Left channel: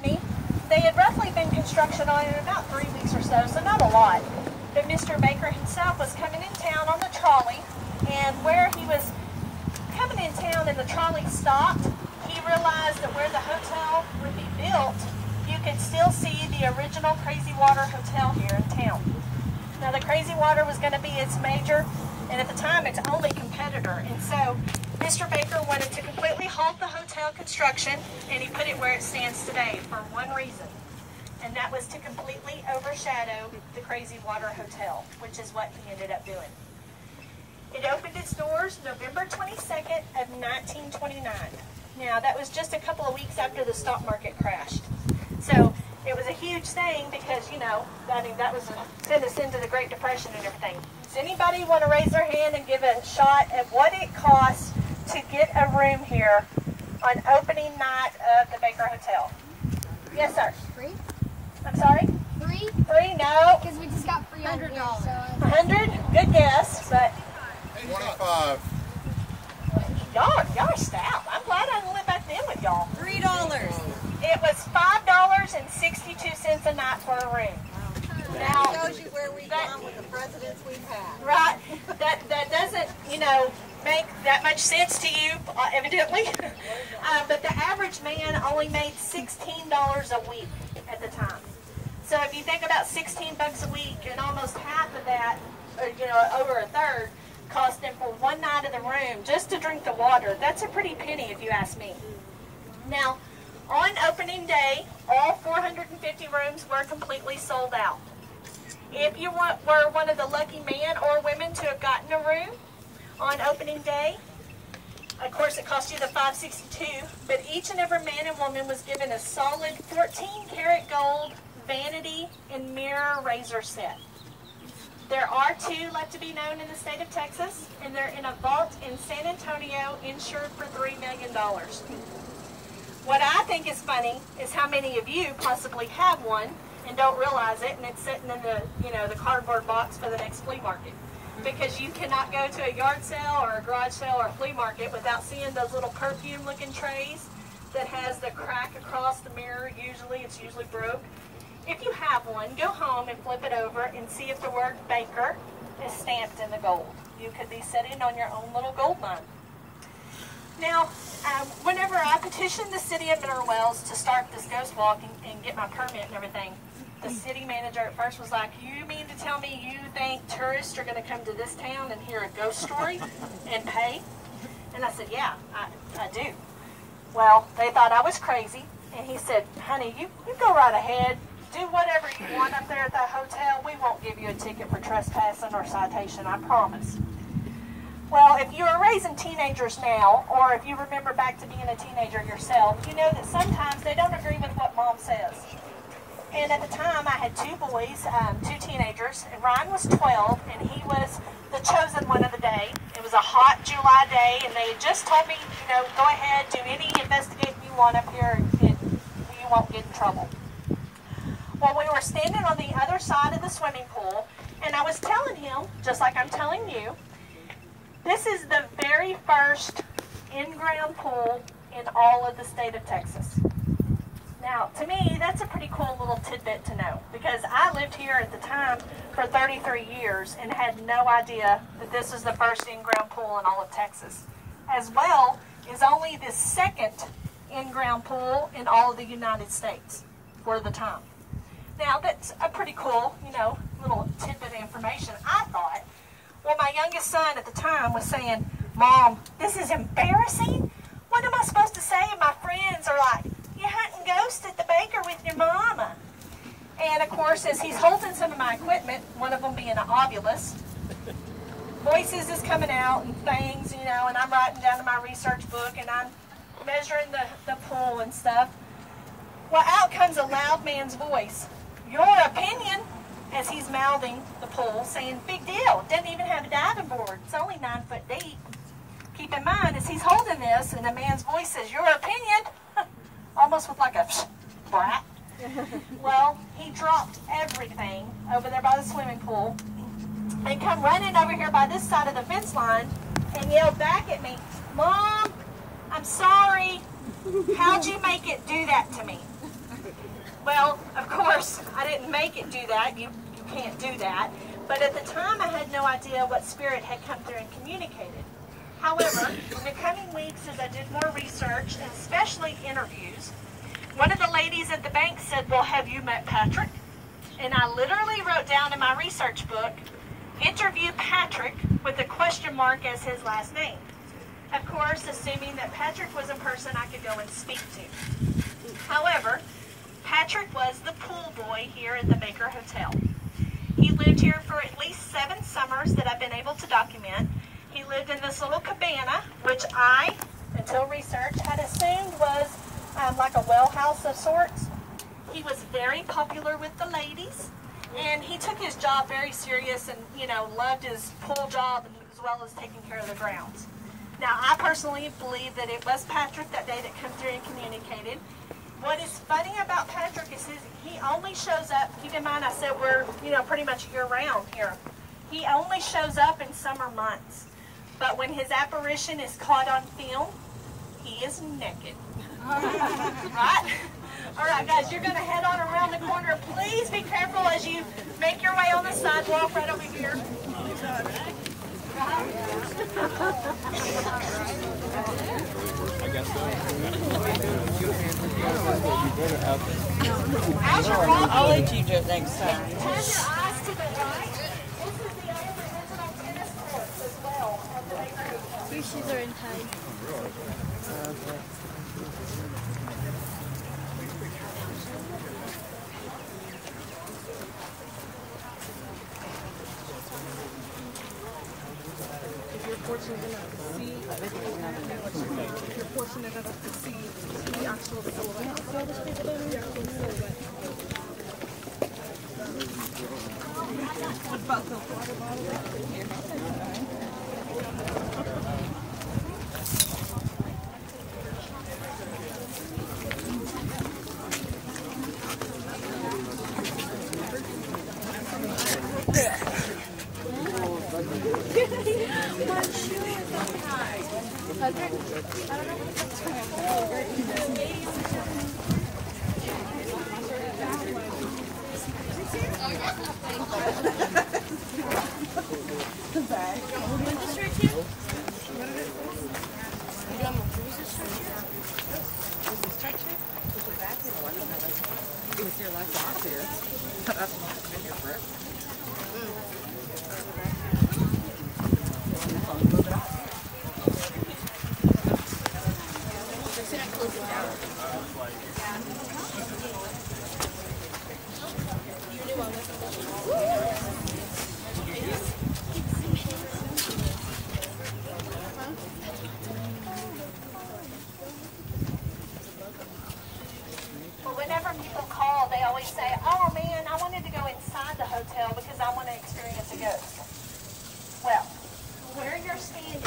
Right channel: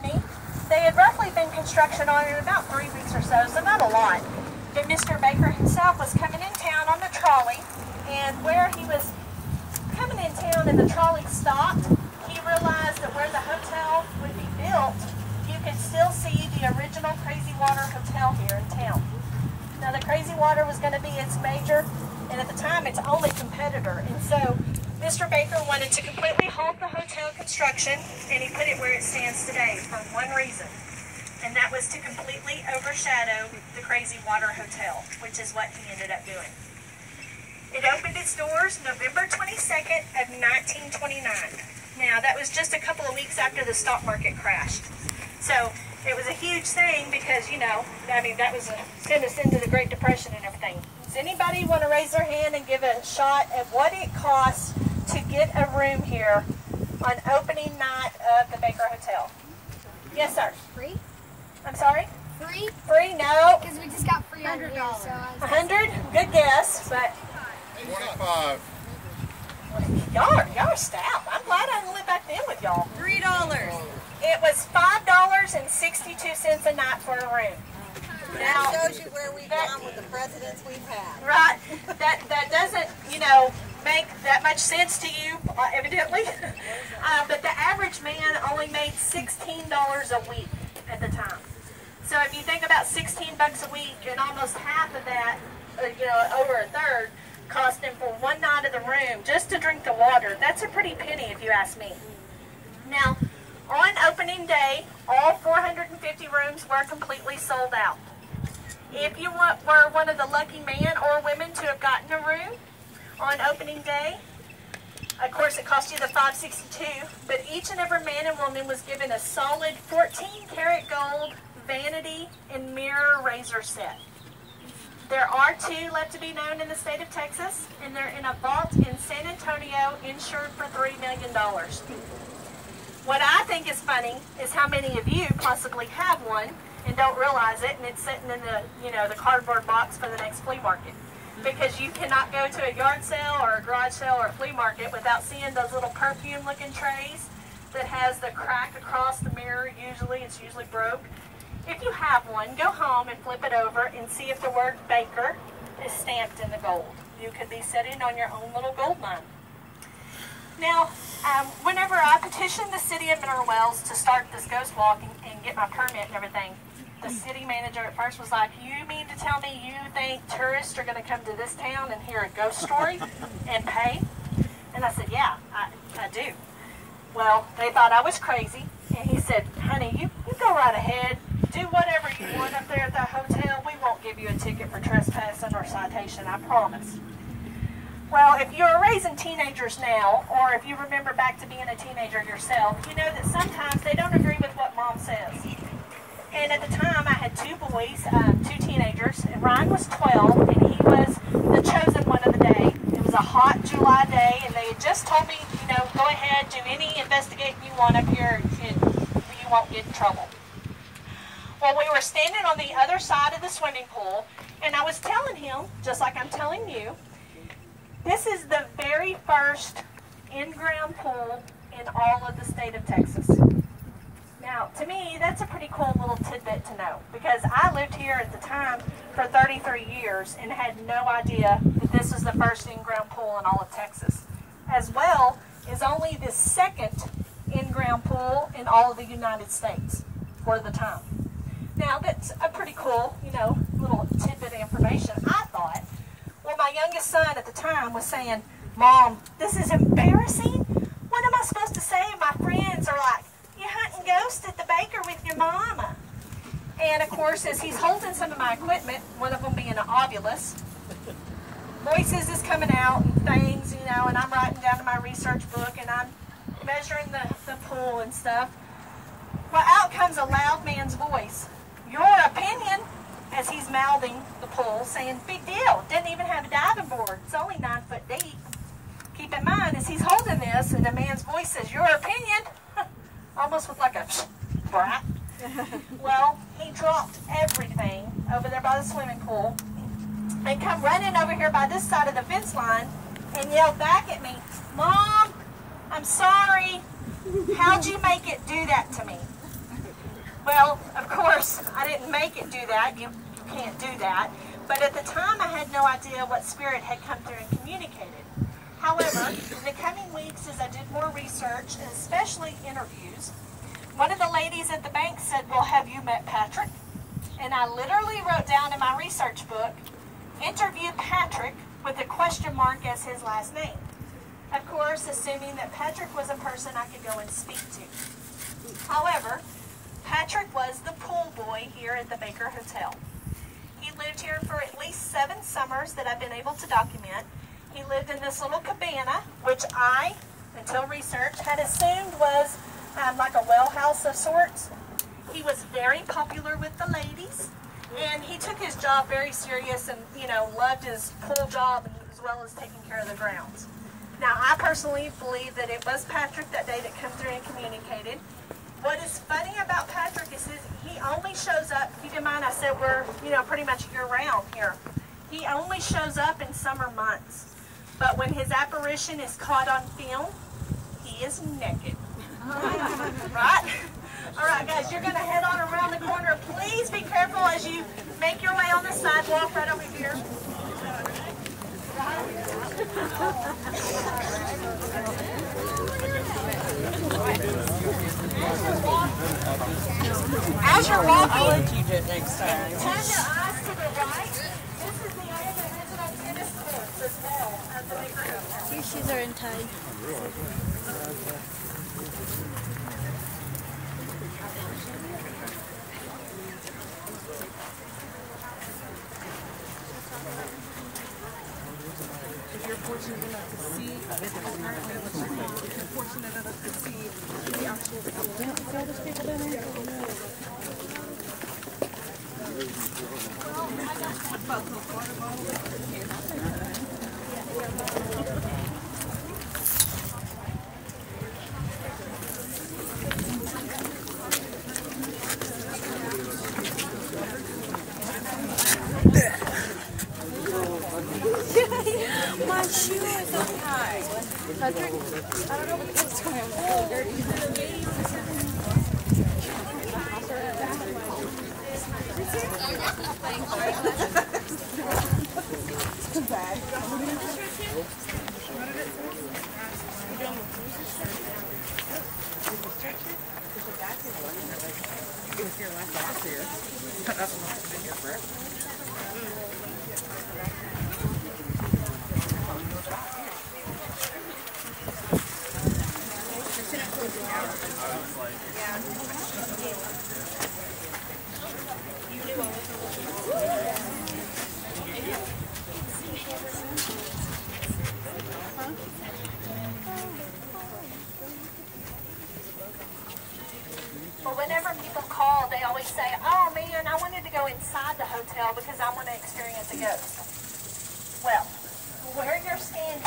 chimney. They had roughly been construction on it about 3 weeks or so not a lot. But Mr. Baker himself was coming in town on the trolley, and where he was coming in town and the trolley stopped, he realized that where the hotel would be built, you could still see the original Crazy Water Hotel here in town. Now the Crazy Water was going to be its major, and at the time its only competitor, and so Mr. Baker wanted to completely halt the hotel construction, and he put it where it stands today for one reason, and that was to completely overshadow the Crazy Water Hotel, which is what he ended up doing. It opened its doors November 22nd of 1929. Now, that was just a couple of weeks after the stock market crashed. So, it was a huge thing because, you know, I mean, that was sent us into the Great Depression and everything. Does anybody want to raise their hand and give a shot at what it costs to get a room here on opening night of the Baker Hotel? Yes, sir. Free? I'm sorry? Free? Free? No. Because we just got free $100. $100? Good guess, but 25. Y'all are stout. I'm glad I didn't live back then with y'all. $3. It was $5.62 a night for a room. Now, That shows you where we've gone with the presidents we've had. right, that doesn't, you know, make that much sense to you, evidently. But the average man only made $16 a week at the time. So if you think about 16 bucks a week, and almost half of that, you know, over a third, cost him for one night of the room just to drink the water. That's a pretty penny if you ask me. Now, on opening day, all 450 rooms were completely sold out. If you were one of the lucky men or women to have gotten a room on opening day, of course it cost you the $5.62, but each and every man and woman was given a solid 14-karat gold vanity and mirror razor set. There are 2 left to be known in the state of Texas, and they're in a vault in San Antonio, insured for $3 million. What I think is funny is how many of you possibly have one and don't realize it, and it's sitting in the, you know, the cardboard box for the next flea market. Because you cannot go to a yard sale or a garage sale or a flea market without seeing those little perfume-looking trays that has the crack across the mirror. It's usually broke. If you have one, go home and flip it over and see if the word Baker is stamped in the gold. You could be sitting on your own little gold mine. Now, whenever I petitioned the city of Mineral Wells to start this ghost walk and get my permit and everything, the city manager at first was like, you mean to tell me you think tourists are going to come to this town and hear a ghost story and pay? And I said, yeah, I do. Well, they thought I was crazy, and he said, honey, you go right ahead. Do whatever you want up there at the hotel. We won't give you a ticket for trespassing or citation, I promise. Well, if you're raising teenagers now, or if you remember back to being a teenager yourself, you know that sometimes they don't agree with what mom says. And at the time, I had 2 boys, 2 teenagers, and Ryan was 12, and he was the chosen one of the day. It was a hot July day, and they had just told me, you know, go ahead, do any investigating you want up here, and you won't get in trouble. Well, we were standing on the other side of the swimming pool, and I was telling him, just like I'm telling you, this is the very first in-ground pool in all of the state of Texas. Now, to me, that's a pretty cool little tidbit to know, because I lived here at the time for 33 years and had no idea that this was the first in-ground pool in all of Texas, as well as only the second in-ground pool in all of the United States for the time. Now, that's a pretty cool, you know, little tidbit of information, I thought. Well, my youngest son at the time was saying, Mom, this is embarrassing. What am I supposed to say? My friends are like, you're hunting ghosts at the Baker with your mama. And, of course, as he's holding some of my equipment, one of them being an ovulus, voices is coming out and things, you know, and I'm writing down in my research book, and I'm measuring the pool and stuff. Well, out comes a loud man's voice. Your opinion, as he's mouthing the pool, saying, big deal, doesn't even have a diving board. It's only 9 foot deep. Keep in mind, as he's holding this, and the man's voice says, your opinion, almost with like a brat. Well, he dropped everything over there by the swimming pool and come running over here by this side of the fence line and yelled back at me, Mom, I'm sorry. How'd you make it do that to me? Well, of course, I didn't make it do that. You can't do that. But at the time, I had no idea what spirit had come through and communicated. However, in the coming weeks, as I did more research, and especially interviews, one of the ladies at the bank said, well, have you met Patrick? And I literally wrote down in my research book, interview Patrick with a question mark as his last name. Of course, assuming that Patrick was a person I could go and speak to. However, Patrick was the pool boy here at the Baker Hotel. He lived here for at least 7 summers that I've been able to document. He lived in this little cabana, which I, until research, had assumed was like a well house of sorts. He was very popular with the ladies, and he took his job very serious and, you know, loved his pool job as well as taking care of the grounds. Now, I personally believe that it was Patrick that day that came through and communicated. What is funny about Patrick is he only shows up, keep in mind I said we're, you know, pretty much year-round here. He only shows up in summer months. But when his apparition is caught on film, he is naked. Right? All right, guys, you're going to head on around the corner. Please be careful as you make your way on the sidewalk right over here. As you're walking, I'll let you do it next time. turn your eyes to the right. This is the only original tennis courts as well at the Baker Hotel. Your shoes are in time. If you're fortunate enough to see, if you're fortunate enough to see the actual silhouette. See all those people down there? What about the water bottle? My shoe is so high. I don't know what's going It was here last box here. I don't know if it's been here forever. Well, whenever people call, they always say, oh man, I wanted to go inside the hotel because I want to experience a ghost. Well, where you're standing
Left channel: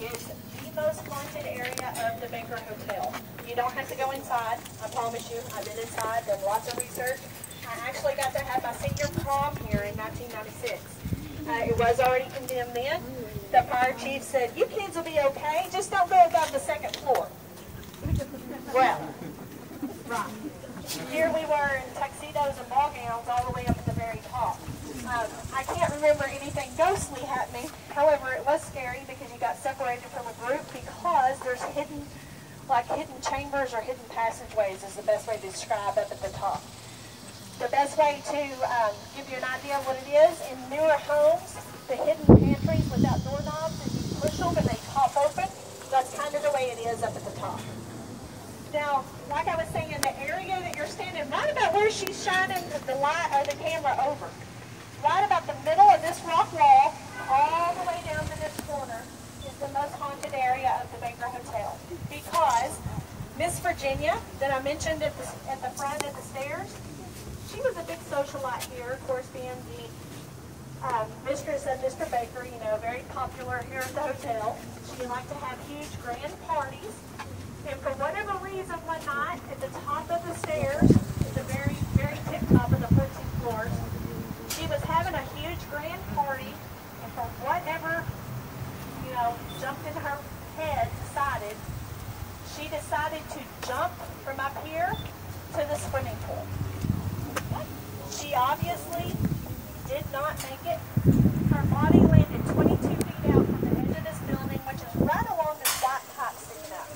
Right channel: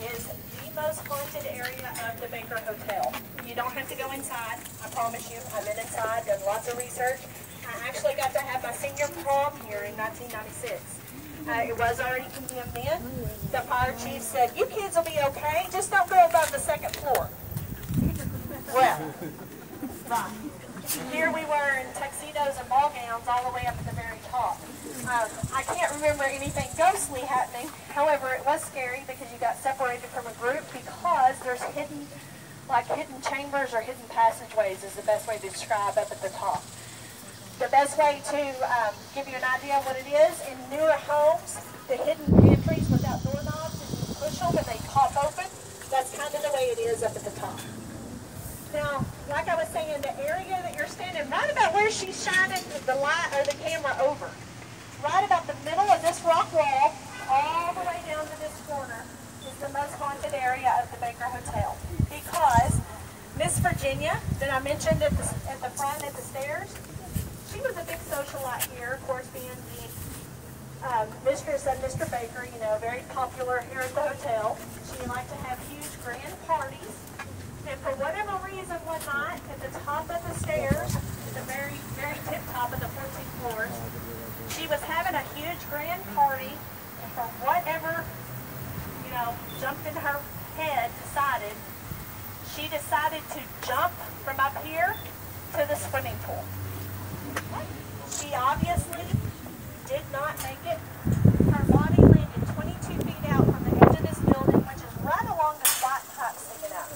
is the most haunted area of the Baker Hotel. You don't have to go inside, I promise you. I've been inside, done lots of research. I actually got to have my senior prom here in 1996. It was already condemned then. The fire chief said, you kids will be okay, just don't go above the 2nd floor. Well, right. Here we were in tuxedos and ball gowns all the way up at the very top. I can't remember anything ghostly happening. However, it was scary because you got separated from a group because there's hidden chambers or hidden passageways is the best way to describe up at the top. The best way to give you an idea of what it is, in newer homes, the hidden pantries without doorknobs, and you push them and they pop open, that's kind of the way it is up at the top. Now, like I was saying, the area that you're standing, right about where she's shining the light or the camera over, right about the middle of this rock wall, all the way down to this corner, is the most haunted area of the Baker Hotel. Because Miss Virginia, that I mentioned at the front at the stairs, she was a big socialite here, of course, being the mistress of Mr. Baker, you know, very popular here at the hotel. She liked to have huge grand parties. And for whatever reason, one night, at the top of the stairs, the very, very tip top of the 14th floor, she was having a huge grand party, and for whatever, you know, jumped into her head, she decided to jump from up here to the swimming pool. She obviously did not make it. Her body landed 22 feet out from the edge of this building, which is right along the flat pipe sticking up.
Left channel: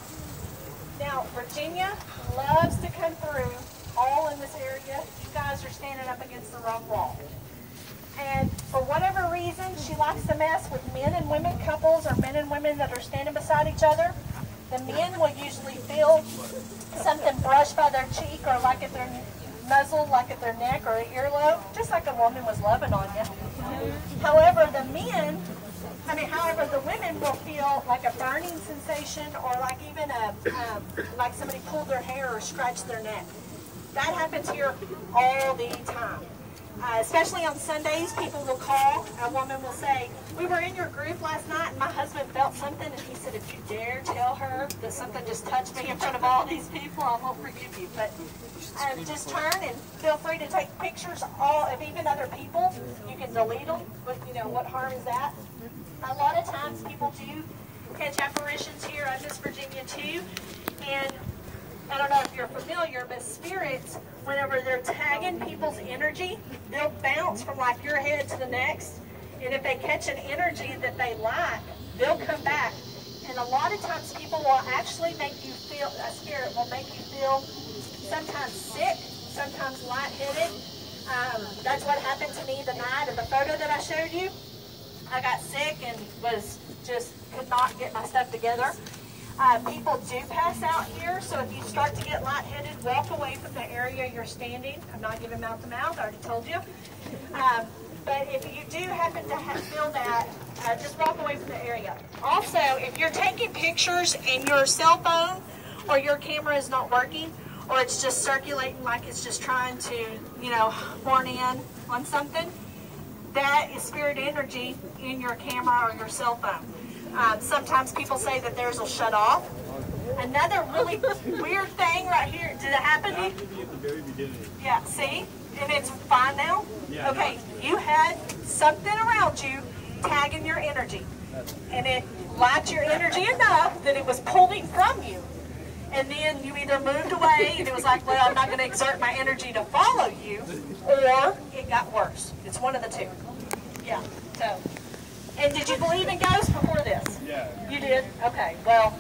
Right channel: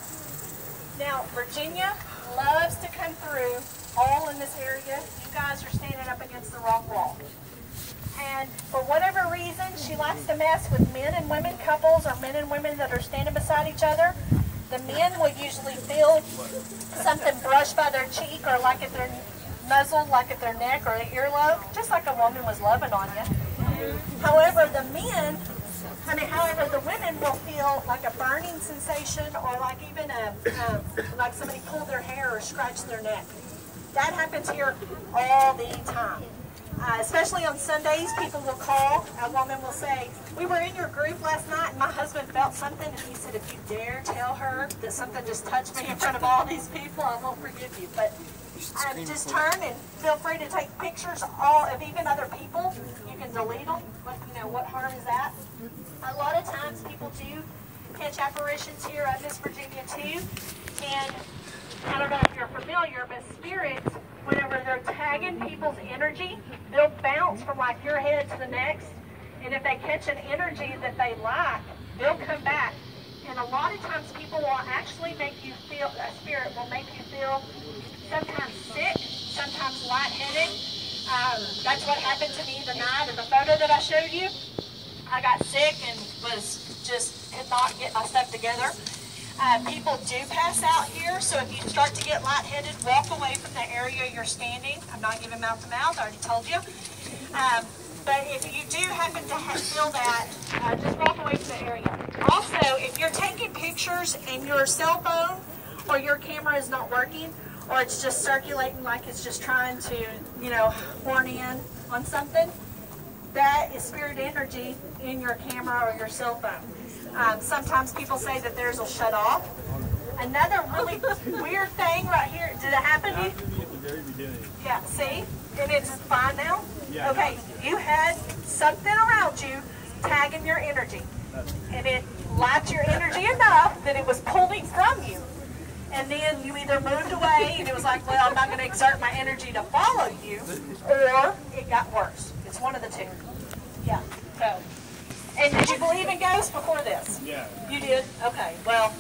Now, Virginia loves to come through all in this area. You guys are standing up against the rock wall. And for whatever reason, she likes to mess with men and women couples or men and women that are standing beside each other. The men will usually feel something brushed by their cheek or like at their muzzle, like at their neck or their earlobe, just like a woman was loving on you. However, the women will feel like a burning sensation or like even like somebody pulled their hair or scratched their neck. That happens here all the time. Especially on Sundays, people will call. A woman will say, "We were in your group last night and my husband felt something." And he said, "If you dare tell her that something just touched me in front of all these people, I won't forgive you." But just turn and feel free to take pictures of even other people. You can delete them. What harm is that? A lot of times people do catch apparitions here in Miss Virginia too. And I don't know if you're familiar, but spirits, whenever they're tagging people's energy, they'll bounce from like your head to the next. And if they catch an energy that they like, they'll come back. And a lot of times people will actually make you feel, a spirit will make you feel sometimes sick, sometimes lightheaded. That's what happened to me the night of the photo that I showed you. I got sick and could not get my stuff together. People do pass out here, so if you start to get lightheaded, walk away from the area you're standing. I'm not giving mouth to mouth, I already told you. But if you do happen to feel that, just walk away from the area. Also, if you're taking pictures and your cell phone or your camera is not working, or it's just circulating like it's just trying to, horn in on something, that is spirit energy in your camera or your cell phone. Sometimes people say that theirs will shut off. Another really weird thing right here. Did it happen to you? At the very beginning. Yeah, see? And it's fine now? Yeah. Okay, you had something around you tagging your energy. And it lacked your energy enough that it was pulling from you. And then you either moved away and it was like, well, I'm not going to exert my energy to follow you, or it got worse. It's one of the two. Yeah, so. And did you believe in ghosts before this? Yeah. You did? Okay, well,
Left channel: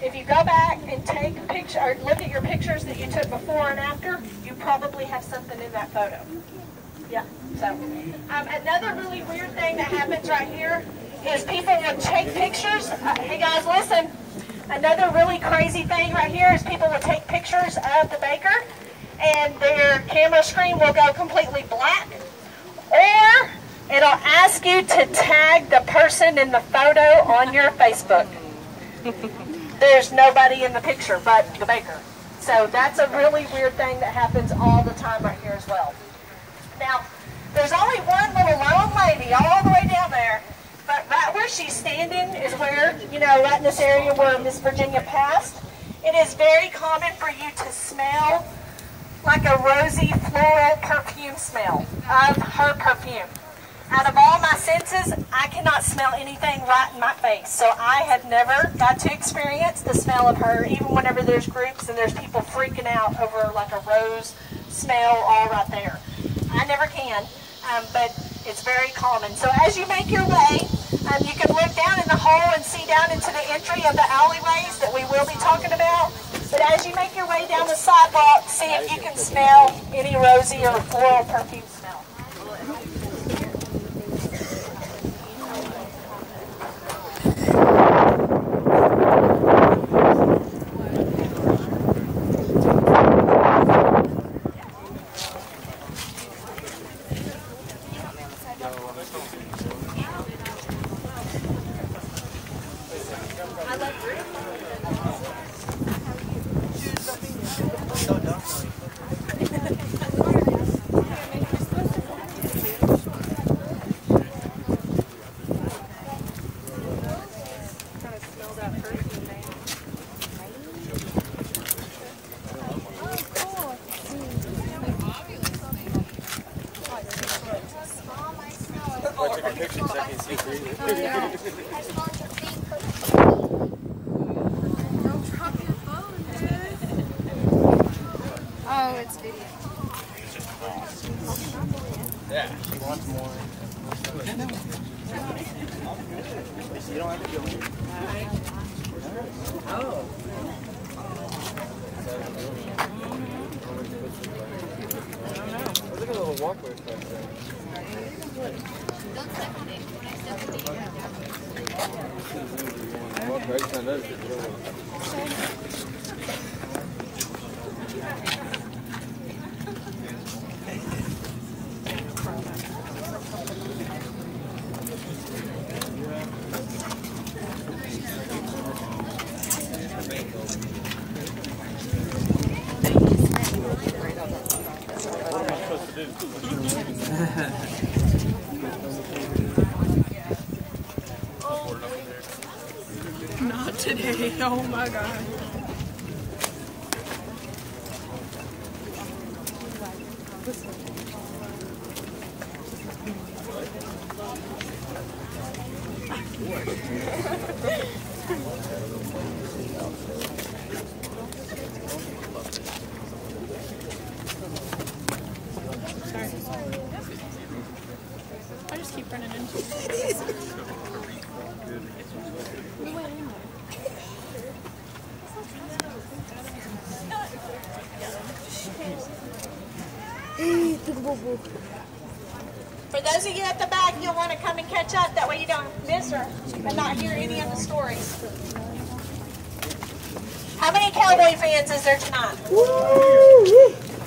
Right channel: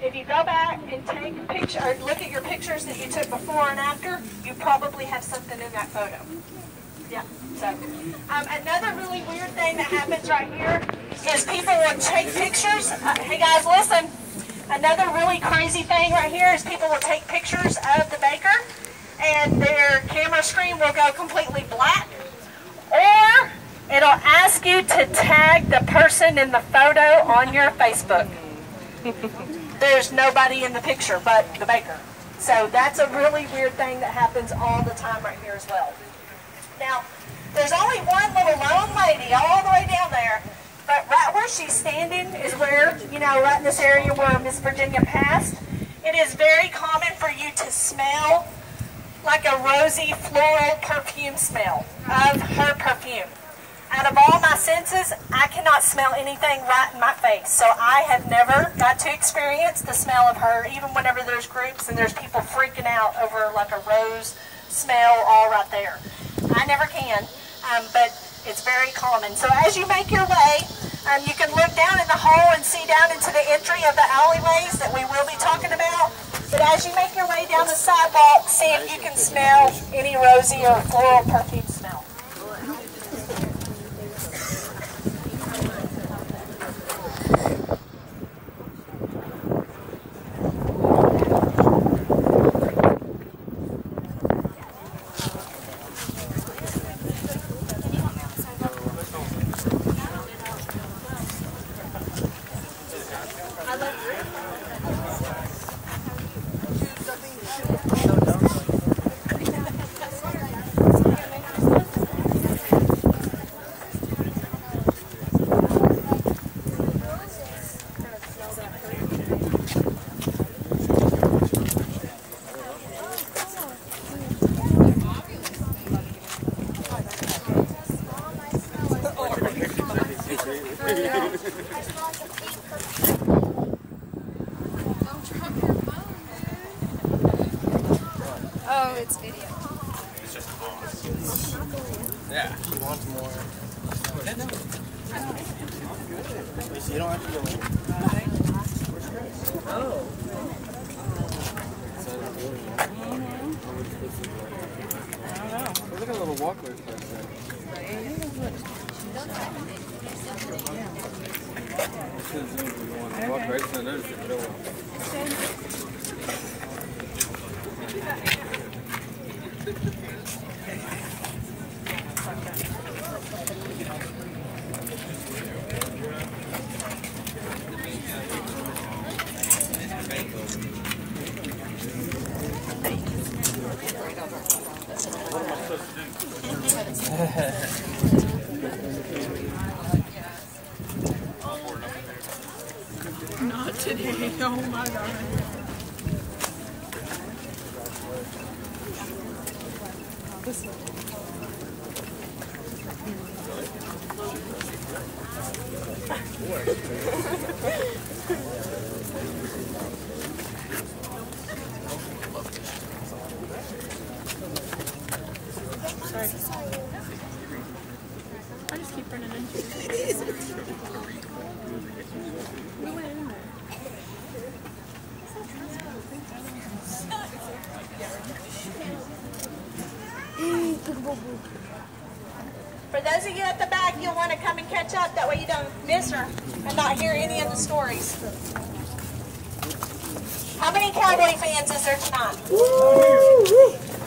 if you go back and take a picture, or look at your pictures that you took before and after, you probably have something in that photo. Yeah, so. Another really weird thing that happens right here is people will take pictures. Hey guys, listen. Another really crazy thing right here is people will take pictures of the baker and their camera screen will go completely black. Or it'll ask you to tag the person in the photo on your Facebook. There's nobody in the picture but the baker. So that's a really weird thing that happens all the time right here as well. Now, there's only one little lone lady all the way down there, but right where she's standing is where, right in this area where Miss Virginia passed. It is very common for you to smell like a rosy floral perfume smell of her perfume. Out of all my senses, I cannot smell anything right in my face. So I have never got to experience the smell of her, even whenever there's groups and there's people freaking out over like a rose smell all right there. I never can, but it's very common. So as you make your way, you can look down in the hole and see down into the entry of the alleyways that we will be talking about. But as you make your way down the sidewalk, see if you can smell any rosy or floral perfume smell. Oh, it's video. Yeah. She wants more. You don't have to go. Oh. Look at a little walker stuff there. Walk right to notice it. Not today. Oh my God. I just keep running into it. We went anywhere. For those of you at the back, you'll want to come and catch up. That way you don't miss her and not hear any of the stories. How many Cowboy fans is there tonight?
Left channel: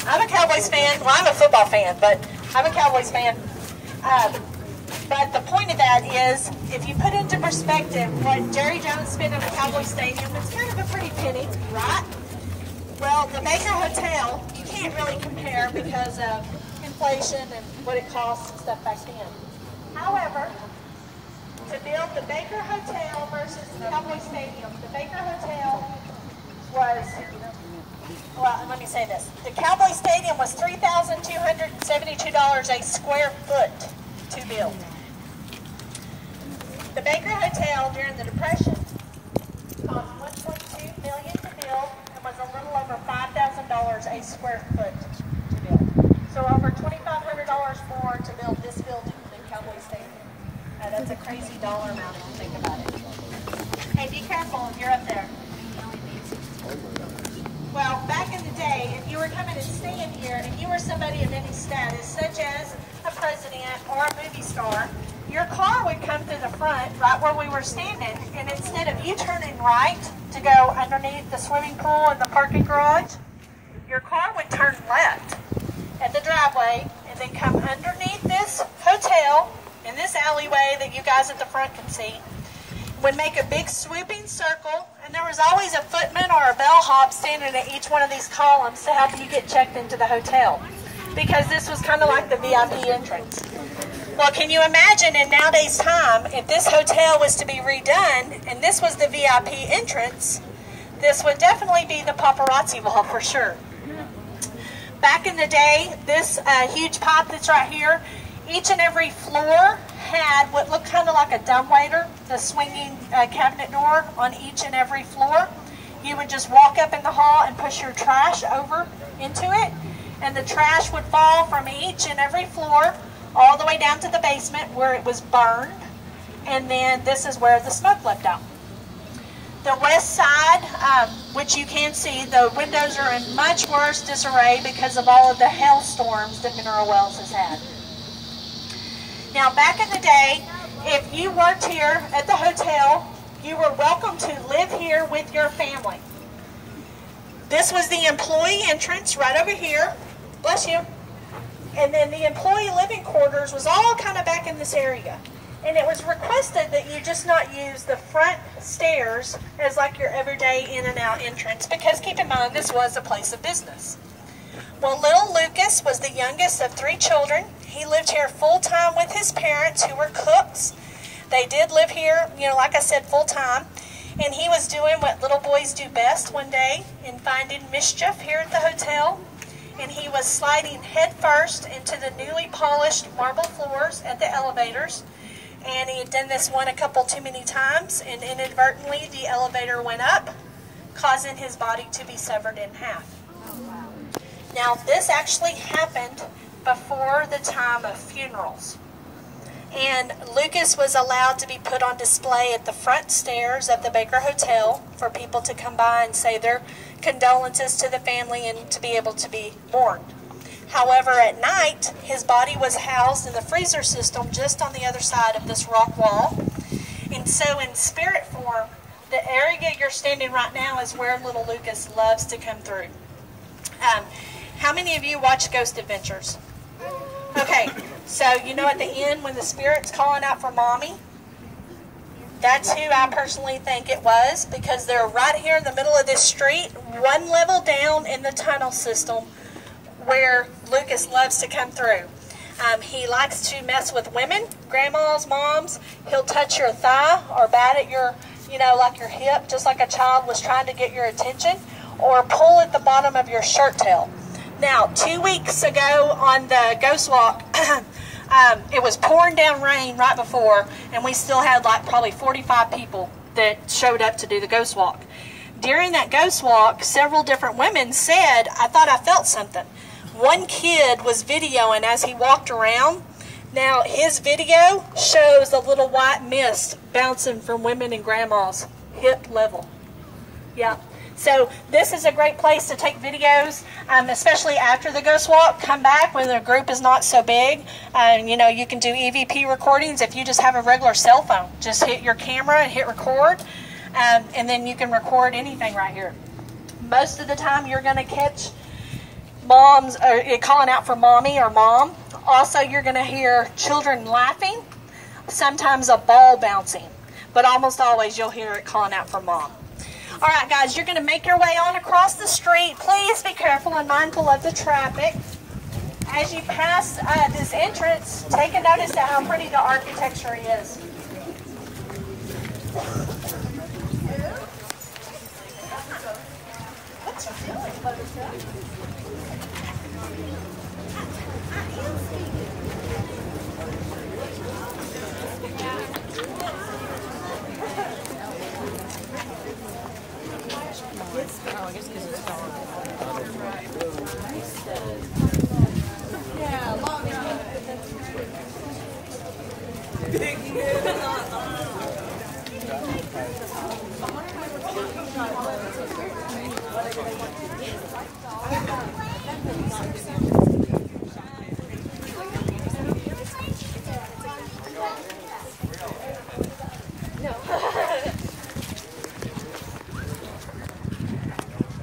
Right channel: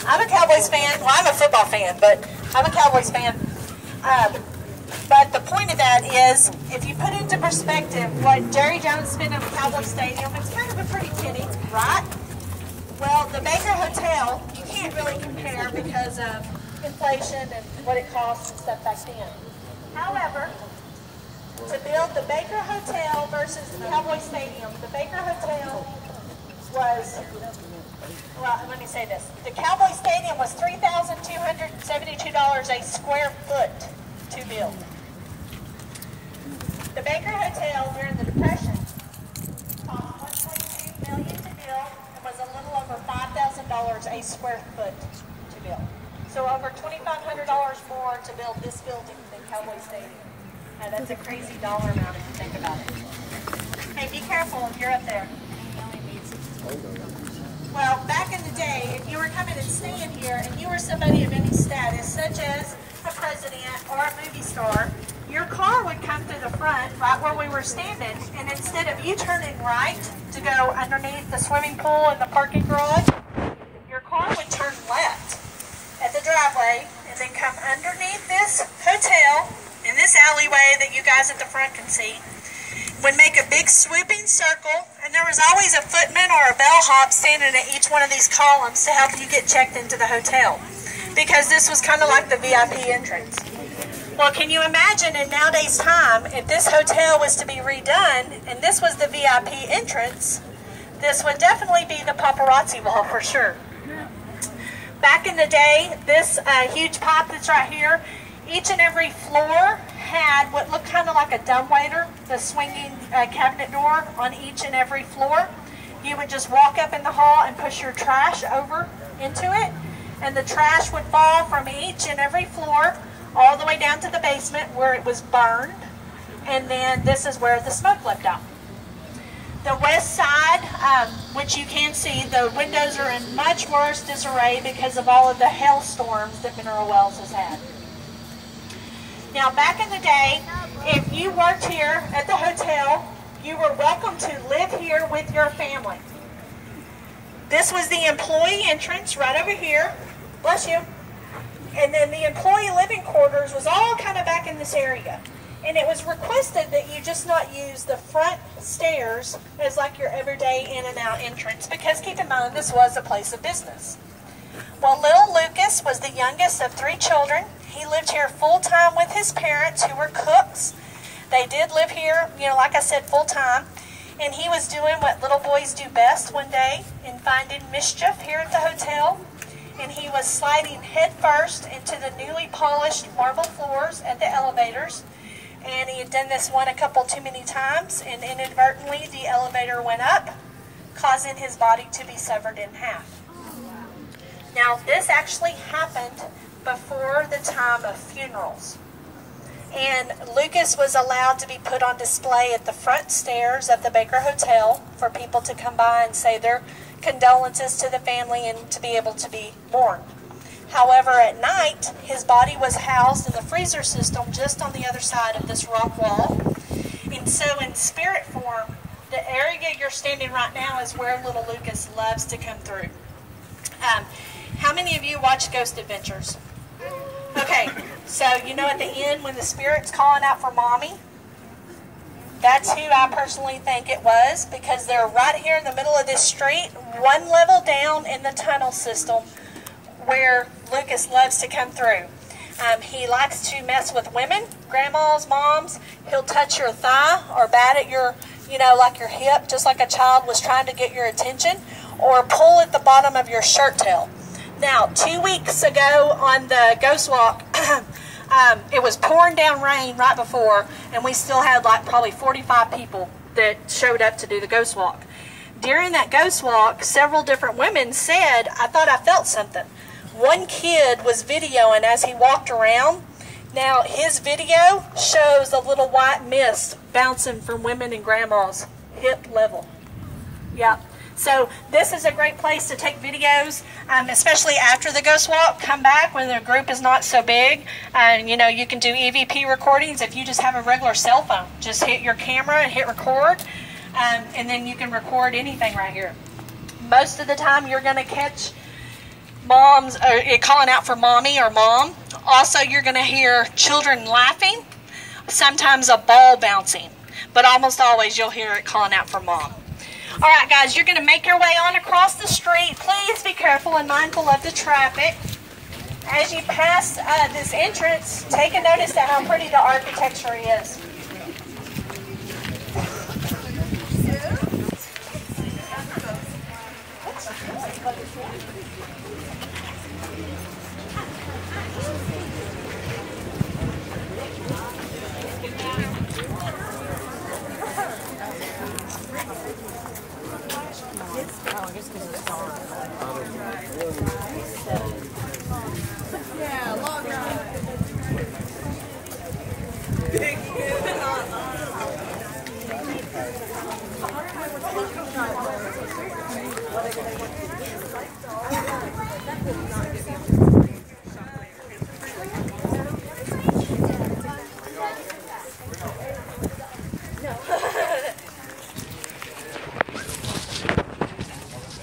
I'm a Cowboys fan. Well, I'm a football fan, but I'm a Cowboys fan. But the point of that is, if you put into perspective what Jerry Jones spent at Cowboy Stadium, it's kind of a pretty penny, right? Well, the Baker Hotel, you can't really compare because of inflation and what it costs and stuff back then. However, to build the Baker Hotel versus the Cowboy Stadium, the Baker Hotel was, well, let me say this. The Cowboy Stadium was $3,272 a square foot to build. The Baker Hotel during the Depression cost $1.2 million to build and was a little over $5,000 a square foot to build. So over $2,500 more to build this building than Cowboy Stadium. Now that's a crazy dollar amount if you think about it. Hey, be careful, you're up there. Well, back in the day, if you were coming and staying here and you were somebody of any status, such as a president or a movie star, your car would come to the front right where we were standing, and instead of you turning right to go underneath the swimming pool and the parking garage, your car would turn left at the driveway and then come underneath this hotel in this alleyway that you guys at the front can see, would make a big swooping circle, and there was always a footman or a bellhop standing at each one of these columns to help you get checked into the hotel, because this was kind of like the VIP entrance. Well, can you imagine in nowadays time, if this hotel was to be redone and this was the VIP entrance, this would definitely be the paparazzi wall for sure. Back in the day, this huge pipe that's right here, each and every floor had what looked kind of like a dumbwaiter, the swinging cabinet door on each and every floor. You would just walk up in the hall and push your trash over into it, and the trash would fall from each and every floor all the way down to the basement where it was burned, and then this is where the smoke left out. The west side, which you can see, the windows are in much worse disarray because of all of the hailstorms that Mineral Wells has had. Now, back in the day, if you worked here at the hotel, you were welcome to live here with your family. This was the employee entrance right over here. Bless you. And then the employee living quarters was all kind of back in this area. And it was requested that you just not use the front stairs as like your everyday in and out entrance, because keep in mind, this was a place of business. Well, little Lucas was the youngest of 3 children. He lived here full-time with his parents, who were cooks. They did live here, you know, like I said, full-time. And he was doing what little boys do best one day in finding mischief here at the hotel. And he was sliding headfirst into the newly polished marble floors at the elevators. And he had done this a couple too many times, and inadvertently the elevator went up, causing his body to be severed in half. Now, this actually happened before the time of funerals. And Lucas was allowed to be put on display at the front stairs of the Baker Hotel for people to come by and say their condolences to the family and to be able to be mourned. However, at night, his body was housed in the freezer system just on the other side of this rock wall. And so in spirit form, the area you're standing right now is where little Lucas loves to come through. How many of you watch Ghost Adventures? Okay, so you know at the end when the spirit's calling out for mommy? That's who I personally think it was, because they're right here in the middle of this street, one level down in the tunnel system where Lucas loves to come through. He likes to mess with women, grandmas, moms. He'll touch your thigh or bat at your, like your hip, just like a child was trying to get your attention, or pull at the bottom of your shirt tail. Now, 2 weeks ago on the Ghost Walk, it was pouring down rain right before, and we still had like probably 45 people that showed up to do the Ghost Walk. During that Ghost Walk, several different women said, I thought I felt something. One kid was videoing as he walked around. Now, his video shows a little white mist bouncing from women and grandmas, hip level. Yeah. So this is a great place to take videos, especially after the Ghost Walk. Come back when the group is not so big. You can do EVP recordings if you just have a regular cell phone. Just hit your camera and hit record, and then you can record anything right here. Most of the time you're going to catch moms calling out for mommy or mom. Also, you're going to hear children laughing, sometimes a ball bouncing, but almost always you'll hear it calling out for mom. All right, guys, you're going to make your way on across the street. Please be careful and mindful of the traffic. As you pass this entrance, take a notice of how pretty the architecture is.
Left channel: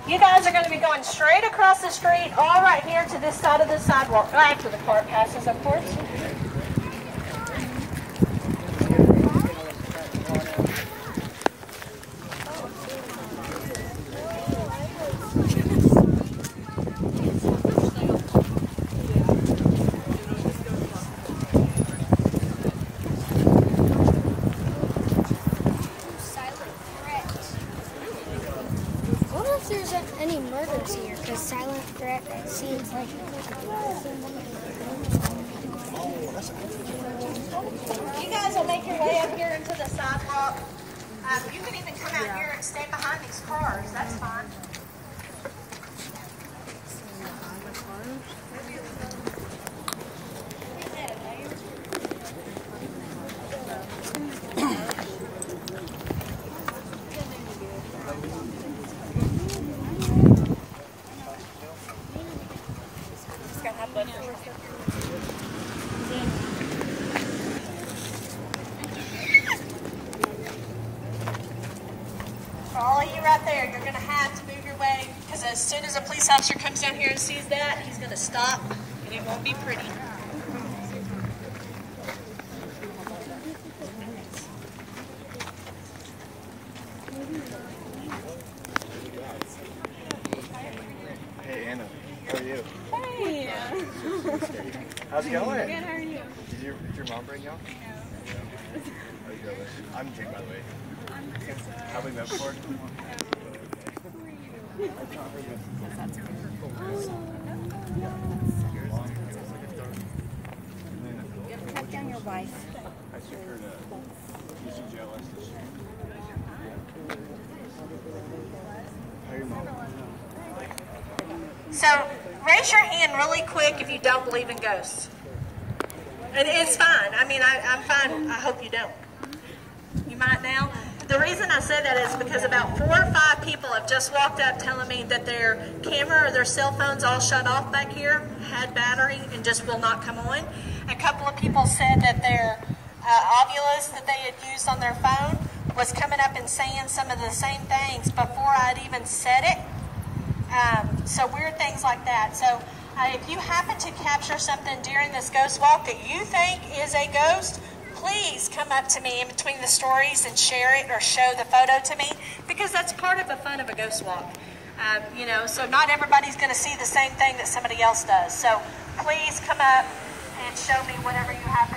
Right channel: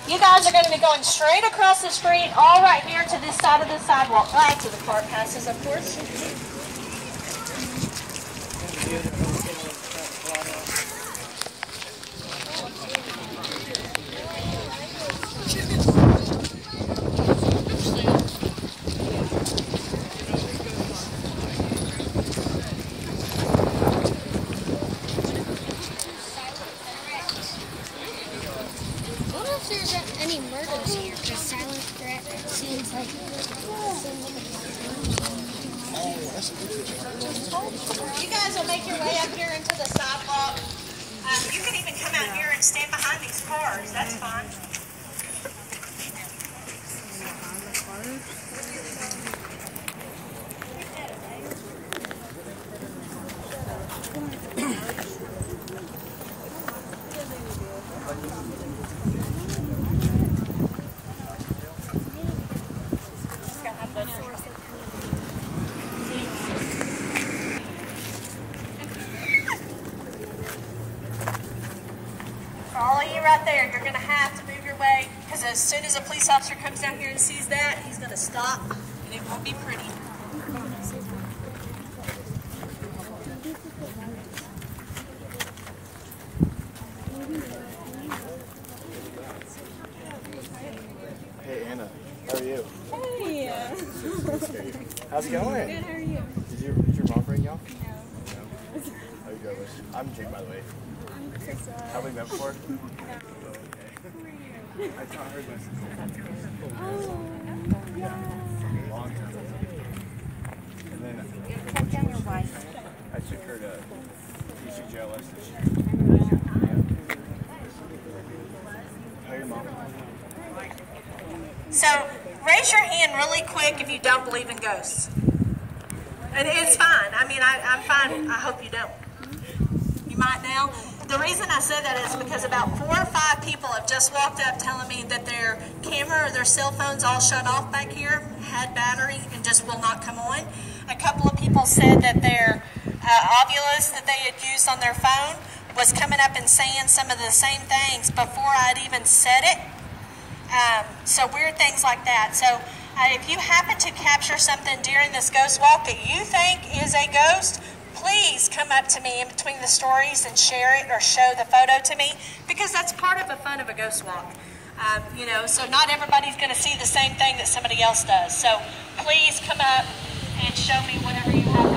You guys are going to be going straight across the street, all right here to this side of the sidewalk, right to the cart passes, of course. Any murders here, because silent threat seems like You guys will make your way up here into the sidewalk. You can even come out here and stand behind these cars. That's fine. You're going to have to move your way, because as soon as a police officer comes down here and sees that, he's going to stop, and it won't be pretty. Hey, Anna. How are you? Hey. How's it going? Good, how are you? Did your mom bring y'all? No. Oh, you go with. I'm Jake, by the way. Have we met before? check on your wife. I took her to UCJLS. How are your mom? So raise hand really quick if you don't believe in ghosts. And it's fine. I mean, I'm fine. I hope you don't. You might now. The reason I say that is because about 4 or 5 people have just walked up telling me that their camera or their cell phones all shut off back here, had battery, and just will not come on. A couple of people said that their Ovilus that they had used on their phone was coming up and saying some of the same things before I'd even said it. So weird things like that. So if you happen to capture something during this ghost walk that you think is a ghost, please come up to me in between the stories and share it or show the photo to me, because that's part of the fun of a ghost walk. You know, so not everybody's going to see the same thing that somebody else does. So please come up and show me whatever you have